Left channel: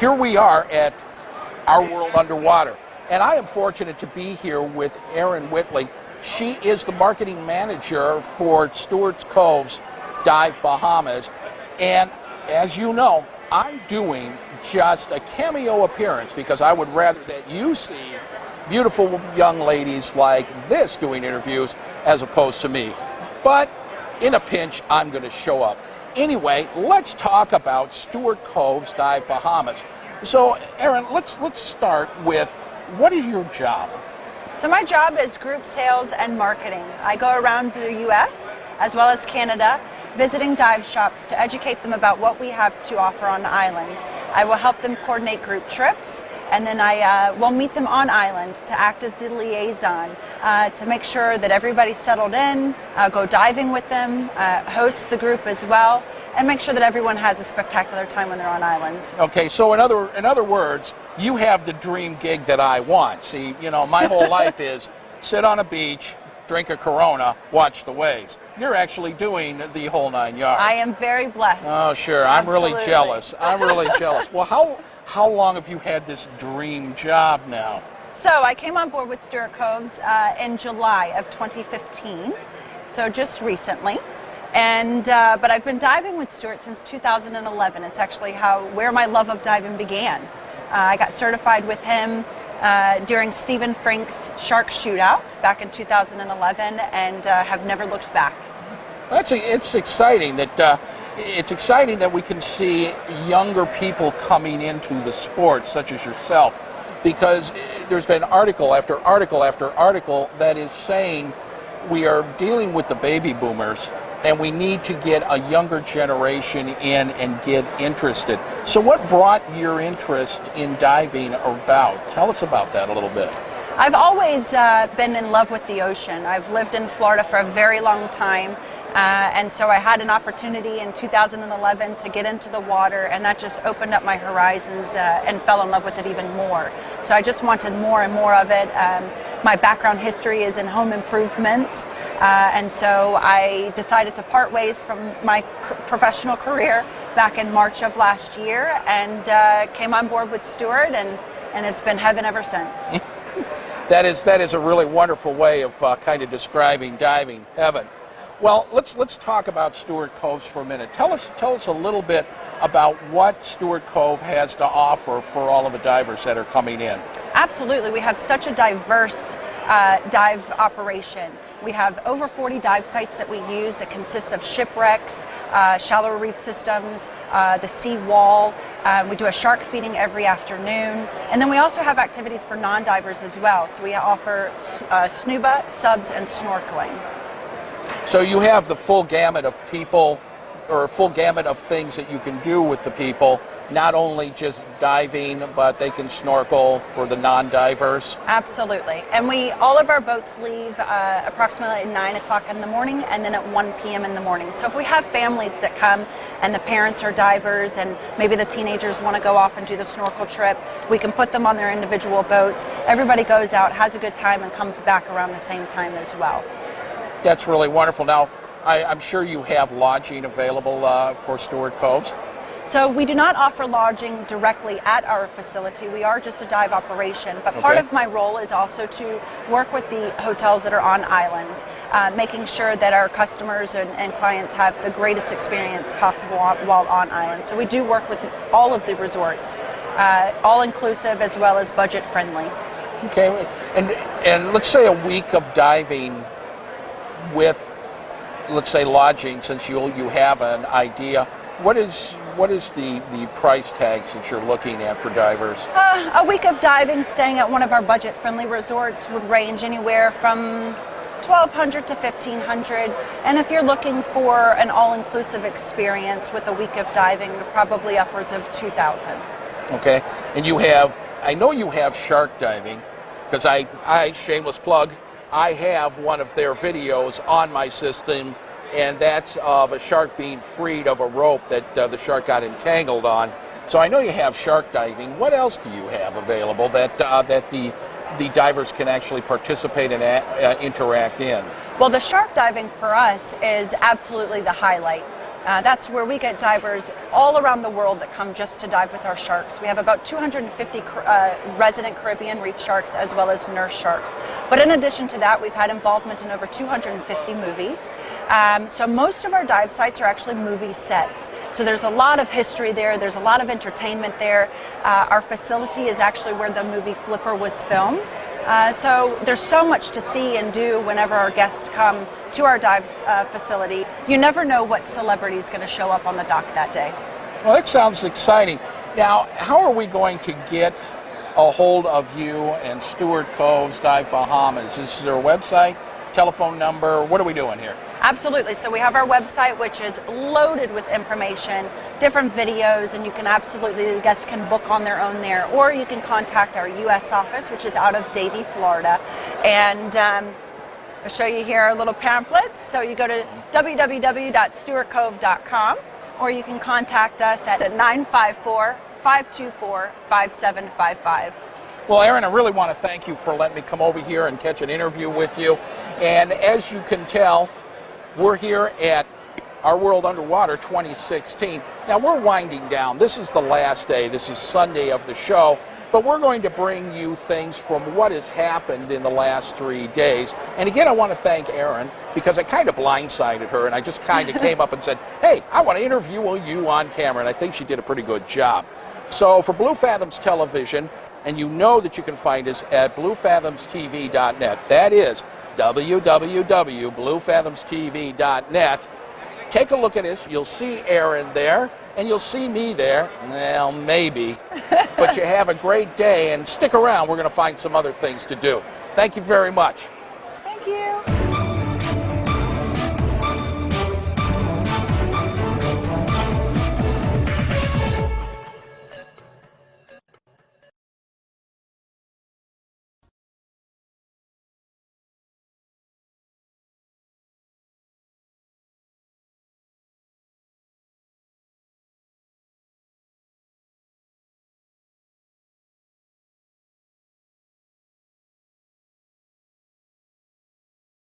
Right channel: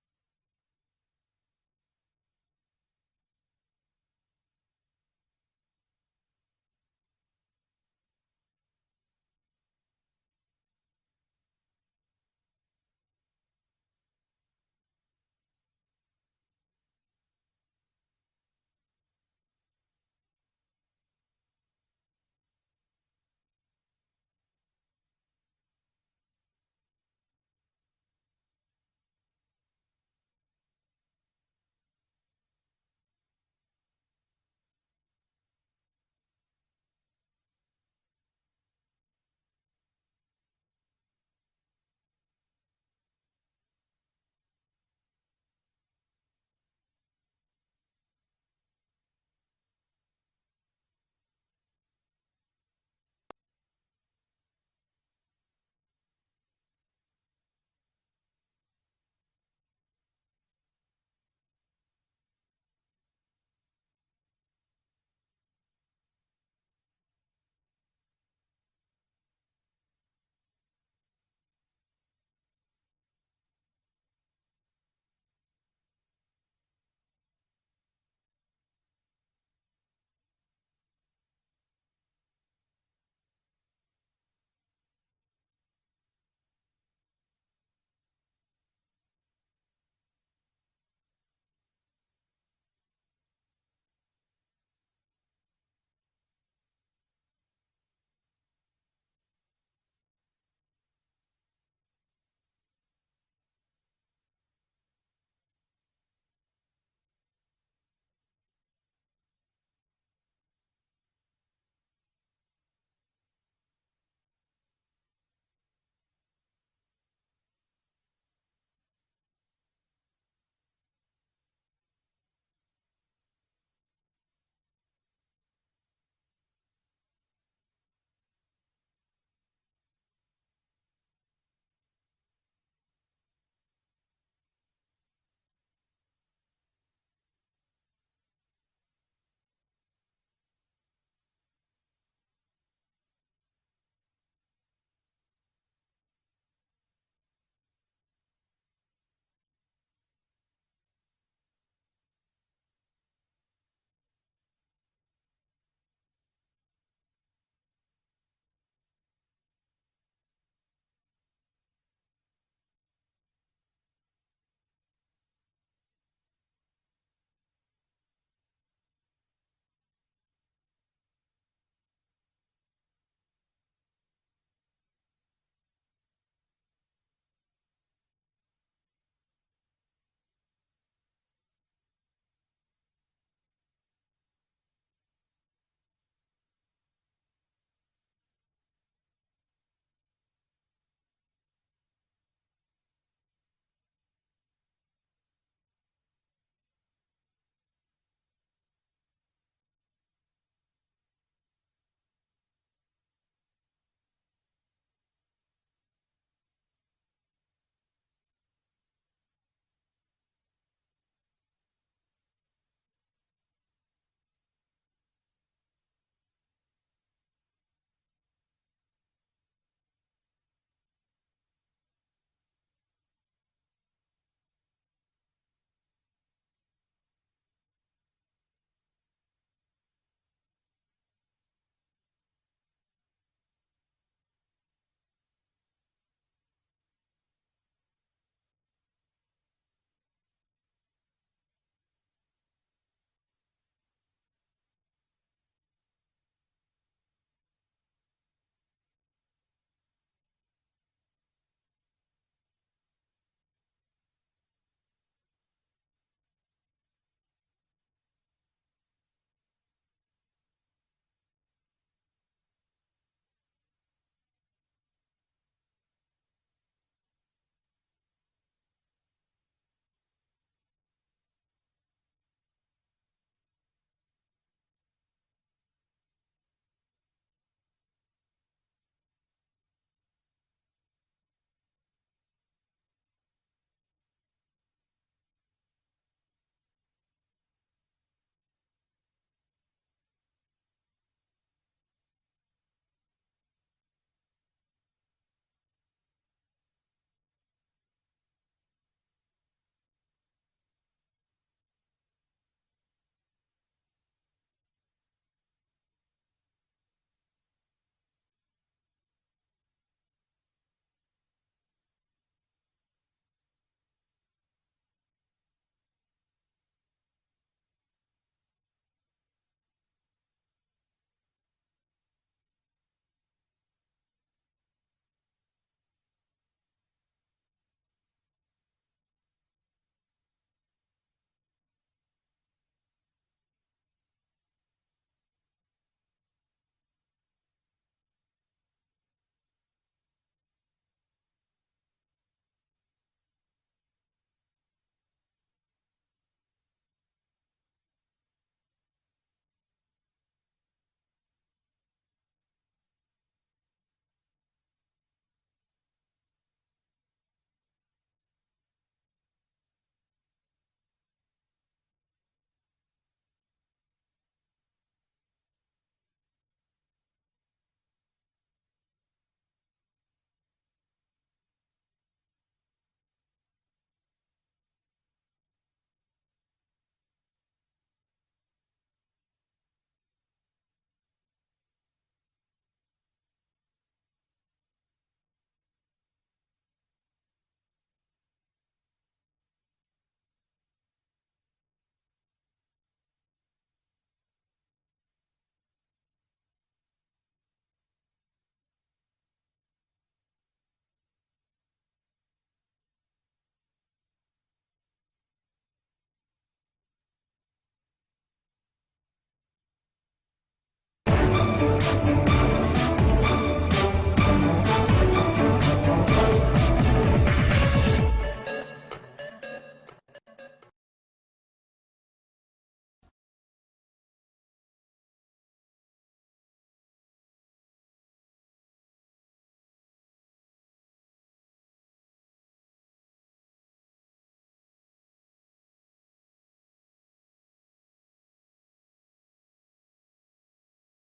here we are at Our World Underwater, and I am fortunate to be here with Erin Whitley. She is the marketing manager for Stuart Coves Dive Bahamas, and as you know, I'm doing just a cameo appearance because I would rather that you see beautiful young ladies like this doing interviews as opposed to me. But in a pinch, I'm going to show up. Anyway, let's talk about Stuart Coves Dive Bahamas. So, Erin, let's start with, what is your job? So my job is group sales and marketing. I go around the U.S. as well as Canada, visiting dive shops to educate them about what we have to offer on the island. I will help them coordinate group trips, and then I will meet them on island to act as the liaison, to make sure that everybody's settled in, go diving with them, host the group as well, and make sure that everyone has a spectacular time when they're on island. Okay, so in other words, you have the dream gig that I want. See, you know, my whole life is sit on a beach, drink a Corona, watch the waves. You're actually doing the whole 9 yards. I am very blessed. Oh, sure. Absolutely. I'm really jealous. I'm really jealous. Well, how long have you had this dream job now? So I came on board with Stuart Coves in July of 2015, so just recently. And but I've been diving with Stuart since 2011. It's actually where my love of diving began. I got certified with him during Stephen Frink's Shark Shootout back in 2011, and have never looked back. It's exciting that we can see younger people coming into the sport, such as yourself, because there's been article after article after article that is saying we are dealing with the baby boomers and we need to get a younger generation in and get interested. So what brought your interest in diving about? Tell us about that a little bit. I've always been in love with the ocean. I've lived in Florida for a very long time, and so I had an opportunity in 2011 to get into the water, and that just opened up my horizons and fell in love with it even more. So I just wanted more and more of it. My background history is in home improvements, and so I decided to part ways from my professional career back in March of last year, and came on board with Stuart, and it's been heaven ever since. That is a really wonderful way of kind of describing diving, heaven. Well, let's talk about Stuart Coves for a minute. Tell us a little bit about what Stuart Cove has to offer for all of the divers that are coming in. Absolutely, we have such a diverse dive operation. We have over 40 dive sites that we use that consist of shipwrecks, shallow reef systems, the sea wall. We do a shark feeding every afternoon. And then we also have activities for non-divers as well. So we offer snuba, subs, and snorkeling. So you have the full gamut of people, or full gamut of things that you can do with the people, not only just diving, but they can snorkel for the non-divers? Absolutely. And all of our boats leave approximately at 9 o'clock in the morning and then at 1 p.m. in the morning. So if we have families that come and the parents are divers and maybe the teenagers want to go off and do the snorkel trip, we can put them on their individual boats. Everybody goes out, has a good time, and comes back around the same time as well. That's really wonderful. Now, I'm sure you have lodging available for Stuart Coves? So we do not offer lodging directly at our facility. We are just a dive operation, but part of my role is also to work with the hotels that are on island, making sure that our customers and clients have the greatest experience possible while on island. So we do work with all of the resorts, all-inclusive as well as budget-friendly. Okay, and let's say a week of diving with, let's say, lodging, since you have an idea. What is the price tags that you're looking at for divers? A week of diving, staying at one of our budget-friendly resorts would range anywhere from $1,200 to $1,500. And if you're looking for an all-inclusive experience with a week of diving, probably upwards of $2,000. Okay, and I know you have shark diving, because I shameless plug, I have one of their videos on my system, and that's of a shark being freed of a rope that the shark got entangled on. So I know you have shark diving. What else do you have available that the divers can actually participate and interact in? Well, the shark diving for us is absolutely the highlight. That's where we get divers all around the world that come just to dive with our sharks. We have about 250 resident Caribbean reef sharks as well as nurse sharks. But in addition to that, we've had involvement in over 250 movies. So most of our dive sites are actually movie sets. So there's a lot of history there. There's a lot of entertainment there. Our facility is actually where the movie Flipper was filmed. So there's so much to see and do whenever our guests come to our dive facility. You never know what celebrity is going to show up on the dock that day. Well, that sounds exciting. Now, how are we going to get a hold of you and Stuart Coves Dive Bahamas? Is there a website, telephone number? What are we doing here? Absolutely. So we have our website, which is loaded with information, different videos, and you can absolutely, the guests can book on their own there, or you can contact our U.S. office, which is out of Davie, Florida. And I'll show you here our little pamphlets. So you go to www.stuartcove.com, or you can contact us at 954-524-5755. Well, Erin, I really want to thank you for letting me come over here and catch an interview with you. And as you can tell, we're here at Our World Underwater 2016. Now, we're winding down. This is the last day. This is Sunday of the show. But we're going to bring you things from what has happened in the last 3 days. And again, I want to thank Erin, because I kind of blindsided her, and I just kind of came up and said, hey, I want to interview you on camera, and I think she did a pretty good job. So for Blue Fathoms Television, and you know that you can find us at bluefathomstv.net. That is www.bluefathomstv.net. Take a look at us. You'll see Erin there, and you'll see me there. Well, maybe. But you have a great day, and stick around. We're going to find some other things to do. Thank you very much.